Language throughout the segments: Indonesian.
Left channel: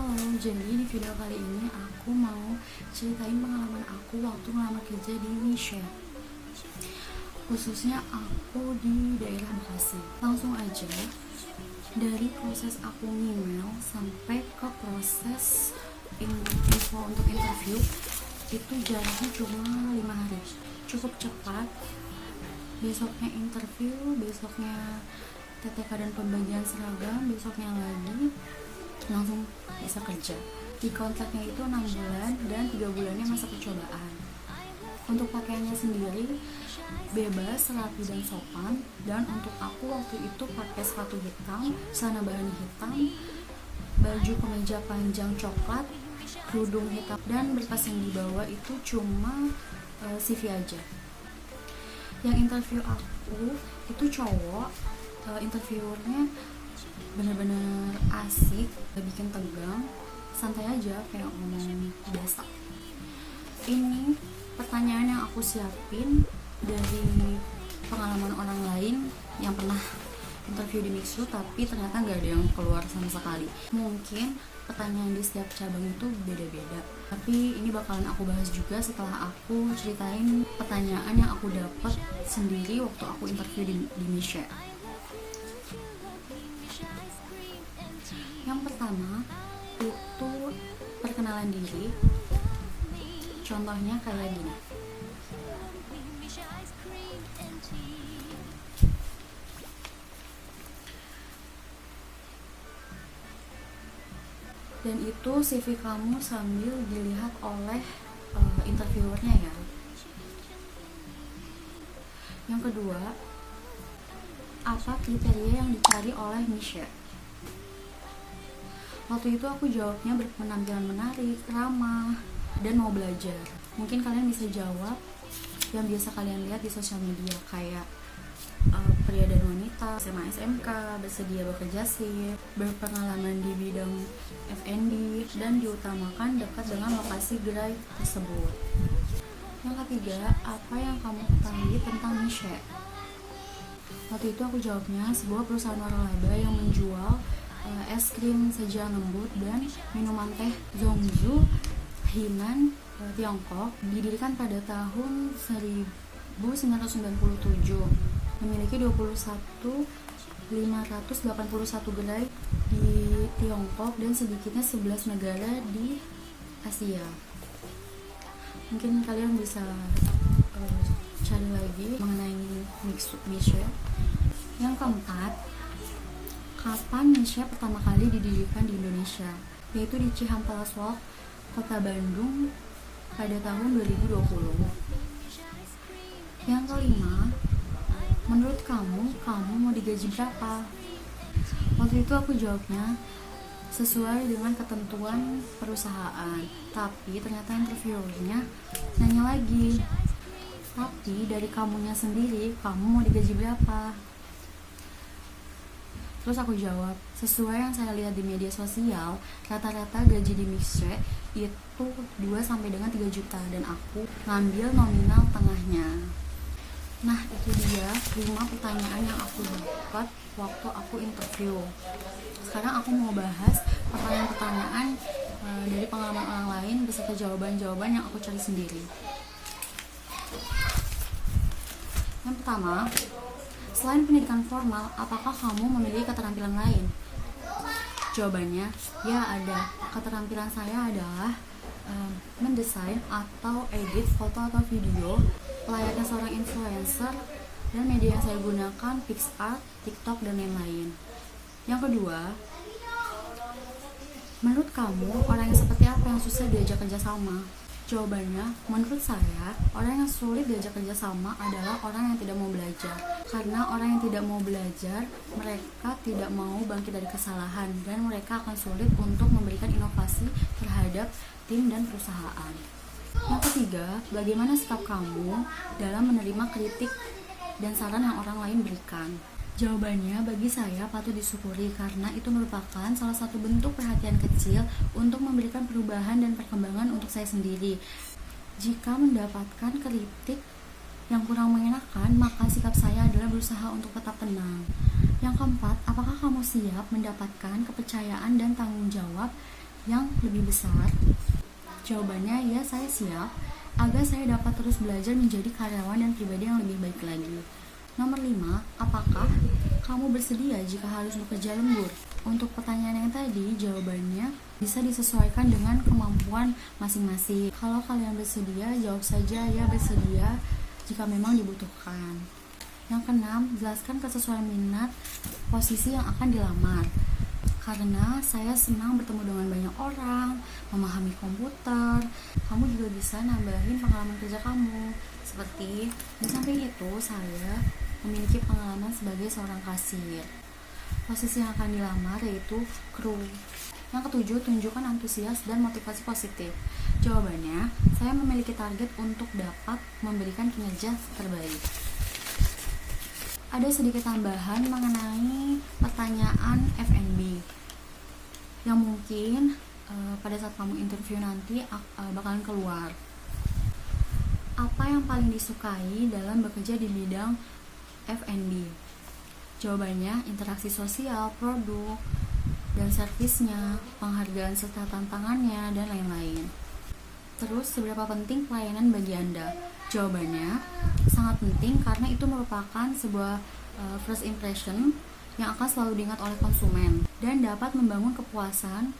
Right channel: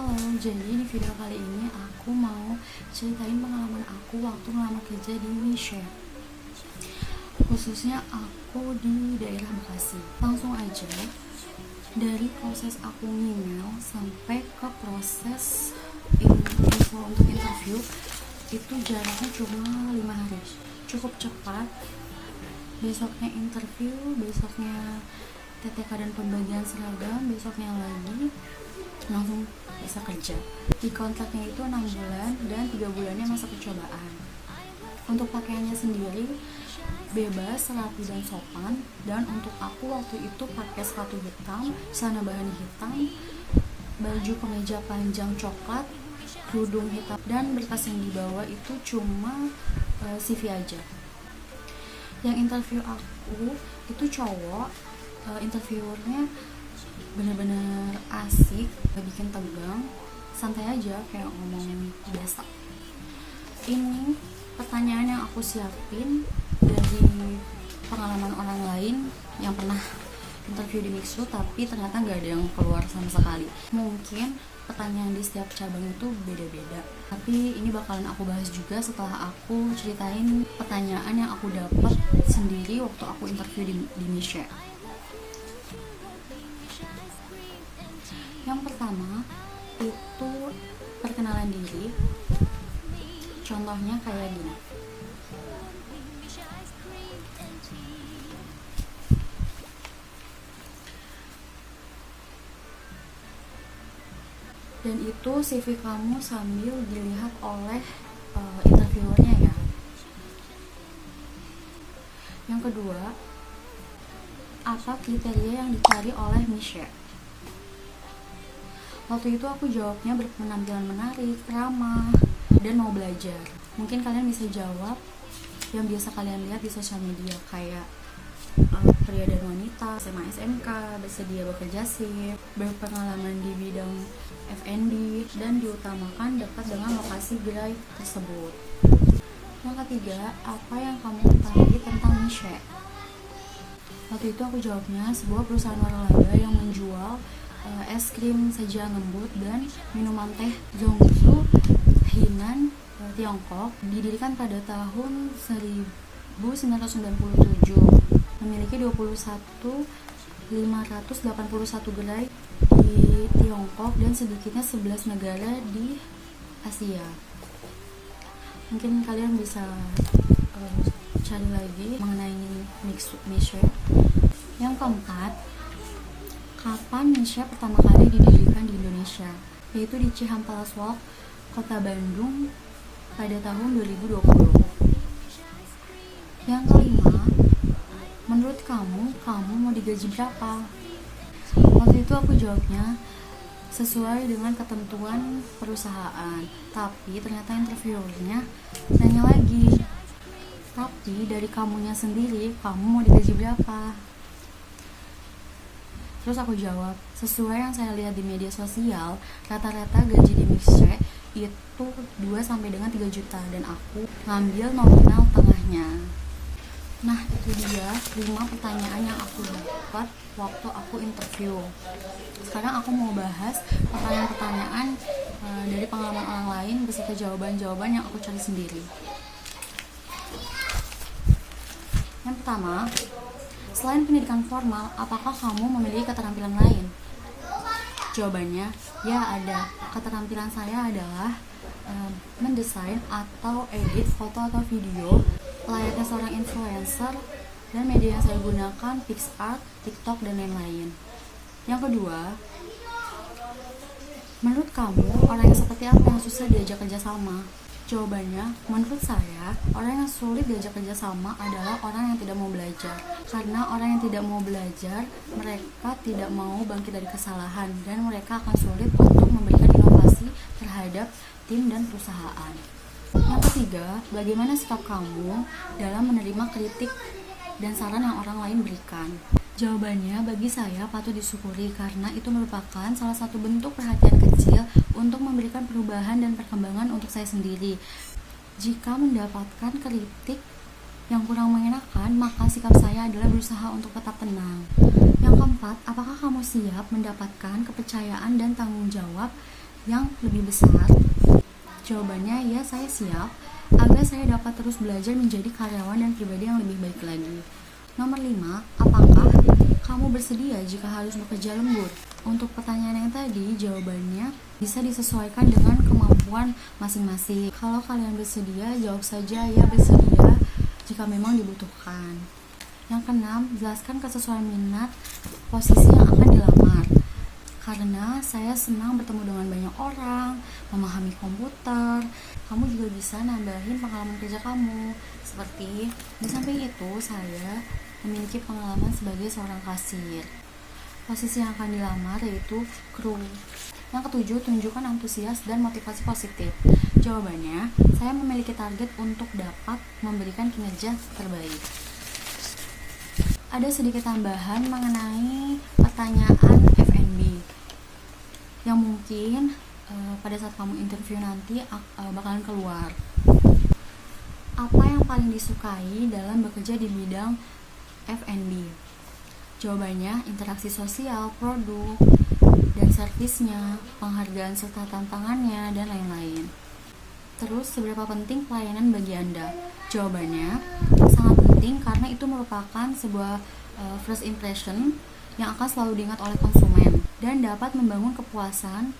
Halo, jadi di video kali ini aku mau ceritain pengalaman aku waktu ngelamar kerja di Indonesia. Khususnya aku di daerah Bekasi. Langsung aja, dari proses aku email sampai ke proses info untuk interview, itu jaraknya cuma 5 hari. Cukup cepat. Besoknya interview, besoknya TTK dan pembagian seragam, besoknya lagi langsung bisa kerja. Di kontraknya itu 6 bulan dan 3 bulannya masa percobaan. Untuk pakaiannya sendiri bebas, rapi dan sopan. Dan untuk aku waktu itu pakai sepatu hitam, celana bahan hitam, baju kemeja panjang coklat, kerudung hitam, dan berkas yang dibawa itu cuma CV aja. Yang interview aku itu cowok, interviewernya bener-bener asik, gak bikin tegang, santai aja kayak ngomong biasa. Ini pertanyaan yang aku siapin dari pengalaman orang lain yang pernah interview di Mixu, tapi ternyata gak ada yang keluar sama sekali. Mungkin pertanyaan di setiap cabang itu beda-beda, tapi ini bakalan aku bahas juga setelah aku ceritain pertanyaan yang aku dapat sendiri waktu aku interview di Indonesia. Yang pertama itu perkenalan diri. Contohnya kayak gini. Dan itu CV kamu sambil dilihat oleh interviewernya ya. Yang kedua, apa kriteria yang dicari oleh Misha? Waktu itu aku jawabnya berpenampilan menarik, ramah, dan mau belajar. Mungkin kalian bisa jawab yang biasa kalian lihat di sosial media, kayak pria dan wanita, SMA SMK, bersedia bekerja sih, berpengalaman di bidang F&B, dan diutamakan dekat dengan lokasi gerai tersebut. Yang ketiga, apa yang kamu ketahui tentang Misha? Waktu itu aku jawabnya sebuah perusahaan waralaba yang menjual es krim sajian lembut dan minuman teh Zhongzhu Hainan Tiongkok, didirikan pada tahun 1997, memiliki 21.581 gerai di Tiongkok dan sedikitnya 11 negara di Asia. Mungkin kalian bisa cari lagi mengenai Misha. Yang keempat, kapan Misha pertama kali didirikan di Indonesia? Yaitu di Cihampelas Walk, Kota Bandung pada tahun 2020. Yang kelima, menurut kamu mau digaji berapa? Waktu itu aku jawabnya sesuai dengan ketentuan perusahaan. Tapi ternyata interviewernya nanya lagi, tapi dari kamunya sendiri, kamu mau digaji berapa? Terus aku jawab, sesuai yang saya lihat di media sosial, rata-rata gaji di Misha itu 2 sampai dengan 3 juta dan aku ngambil nominal tengahnya. Nah, itu dia 5 pertanyaan yang aku dapat waktu aku interview. Sekarang aku mau bahas pertanyaan-pertanyaan dari pengalaman orang lain beserta jawaban-jawaban yang aku cari sendiri. Yang pertama, selain pendidikan formal, apakah kamu memiliki keterampilan lain? Jawabannya, ya ada. Keterampilan saya adalah mendesain atau edit foto atau video layaknya seorang influencer, dan media yang saya gunakan PicsArt, TikTok, dan lain-lain. Yang kedua, menurut kamu orang yang seperti apa yang susah diajak kerjasama? Jawabannya, menurut saya, orang yang sulit diajak kerjasama adalah orang yang tidak mau belajar. Karena orang yang tidak mau belajar, mereka tidak mau bangkit dari kesalahan, dan mereka akan sulit untuk memberikan inovasi terhadap tim dan perusahaan. Yang ketiga, bagaimana sikap kamu dalam menerima kritik dan saran yang orang lain berikan? Jawabannya, bagi saya patut disyukuri karena itu merupakan salah satu bentuk perhatian kecil untuk memberikan perubahan dan perkembangan untuk saya sendiri. Jika mendapatkan kritik yang kurang mengenakan, maka sikap saya adalah berusaha untuk tetap tenang. Yang keempat, apakah kamu siap mendapatkan kepercayaan dan tanggung jawab yang lebih besar? Jawabannya ya, saya siap agar saya dapat terus belajar menjadi karyawan dan pribadi yang lebih baik lagi. Nomor 5, apakah kamu bersedia jika harus bekerja lembur? Untuk pertanyaan yang tadi, jawabannya bisa disesuaikan dengan kemampuan masing-masing. Kalau kalian bersedia, jawab saja ya bersedia jika memang dibutuhkan. Yang keenam, jelaskan kesesuaian minat posisi yang akan dilamar. Karena saya senang bertemu dengan banyak orang, memahami komputer, kamu juga bisa nambahin pengalaman kerja kamu. Seperti, di samping itu, saya memiliki pengalaman sebagai seorang kasir. Posisi yang akan dilamar yaitu kru. Yang ketujuh, tunjukkan antusias dan motivasi positif. Jawabannya, saya memiliki target untuk dapat memberikan kinerja terbaik. Ada sedikit tambahan mengenai pertanyaan F&B yang mungkin pada saat kamu interview nanti bakalan keluar. Apa yang paling disukai dalam bekerja di bidang F&B? Jawabannya, interaksi sosial, produk, dan servisnya, penghargaan serta tantangannya, dan lain-lain. Terus, seberapa penting pelayanan bagi Anda? Jawabannya, sangat penting karena itu merupakan sebuah first impression yang akan selalu diingat oleh konsumen dan dapat membangun kepuasan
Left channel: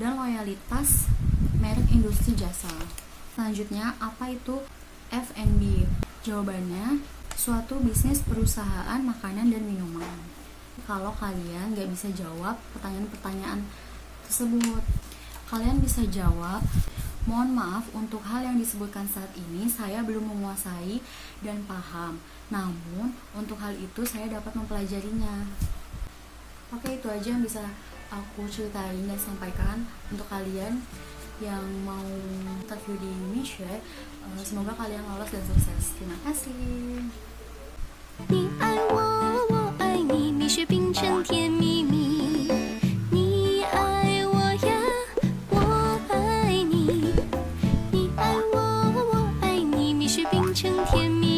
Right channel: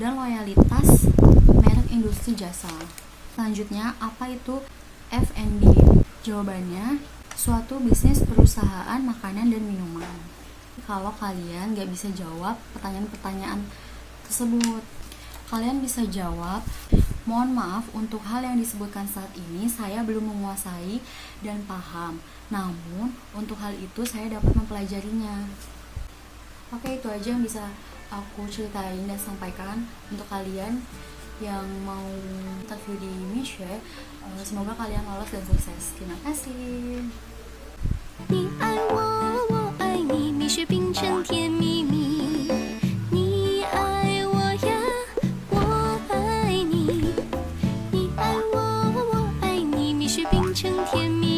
dan loyalitas merek industri jasa. Selanjutnya, apa itu F&B? Jawabannya, suatu bisnis perusahaan makanan dan minuman. Kalau kalian gak bisa jawab pertanyaan-pertanyaan tersebut, kalian bisa jawab, mohon maaf untuk hal yang disebutkan saat ini saya belum menguasai dan paham. Namun, untuk hal itu saya dapat mempelajarinya. Oke, itu aja yang bisa aku ceritain dan sampaikan untuk kalian yang mau interview di Michelle. Semoga kalian lolos dan sukses. Terima kasih. 你爱我，我爱你，蜜雪冰城甜蜜蜜。你爱我呀，我爱你。你爱我，我爱你，蜜雪冰城甜蜜蜜。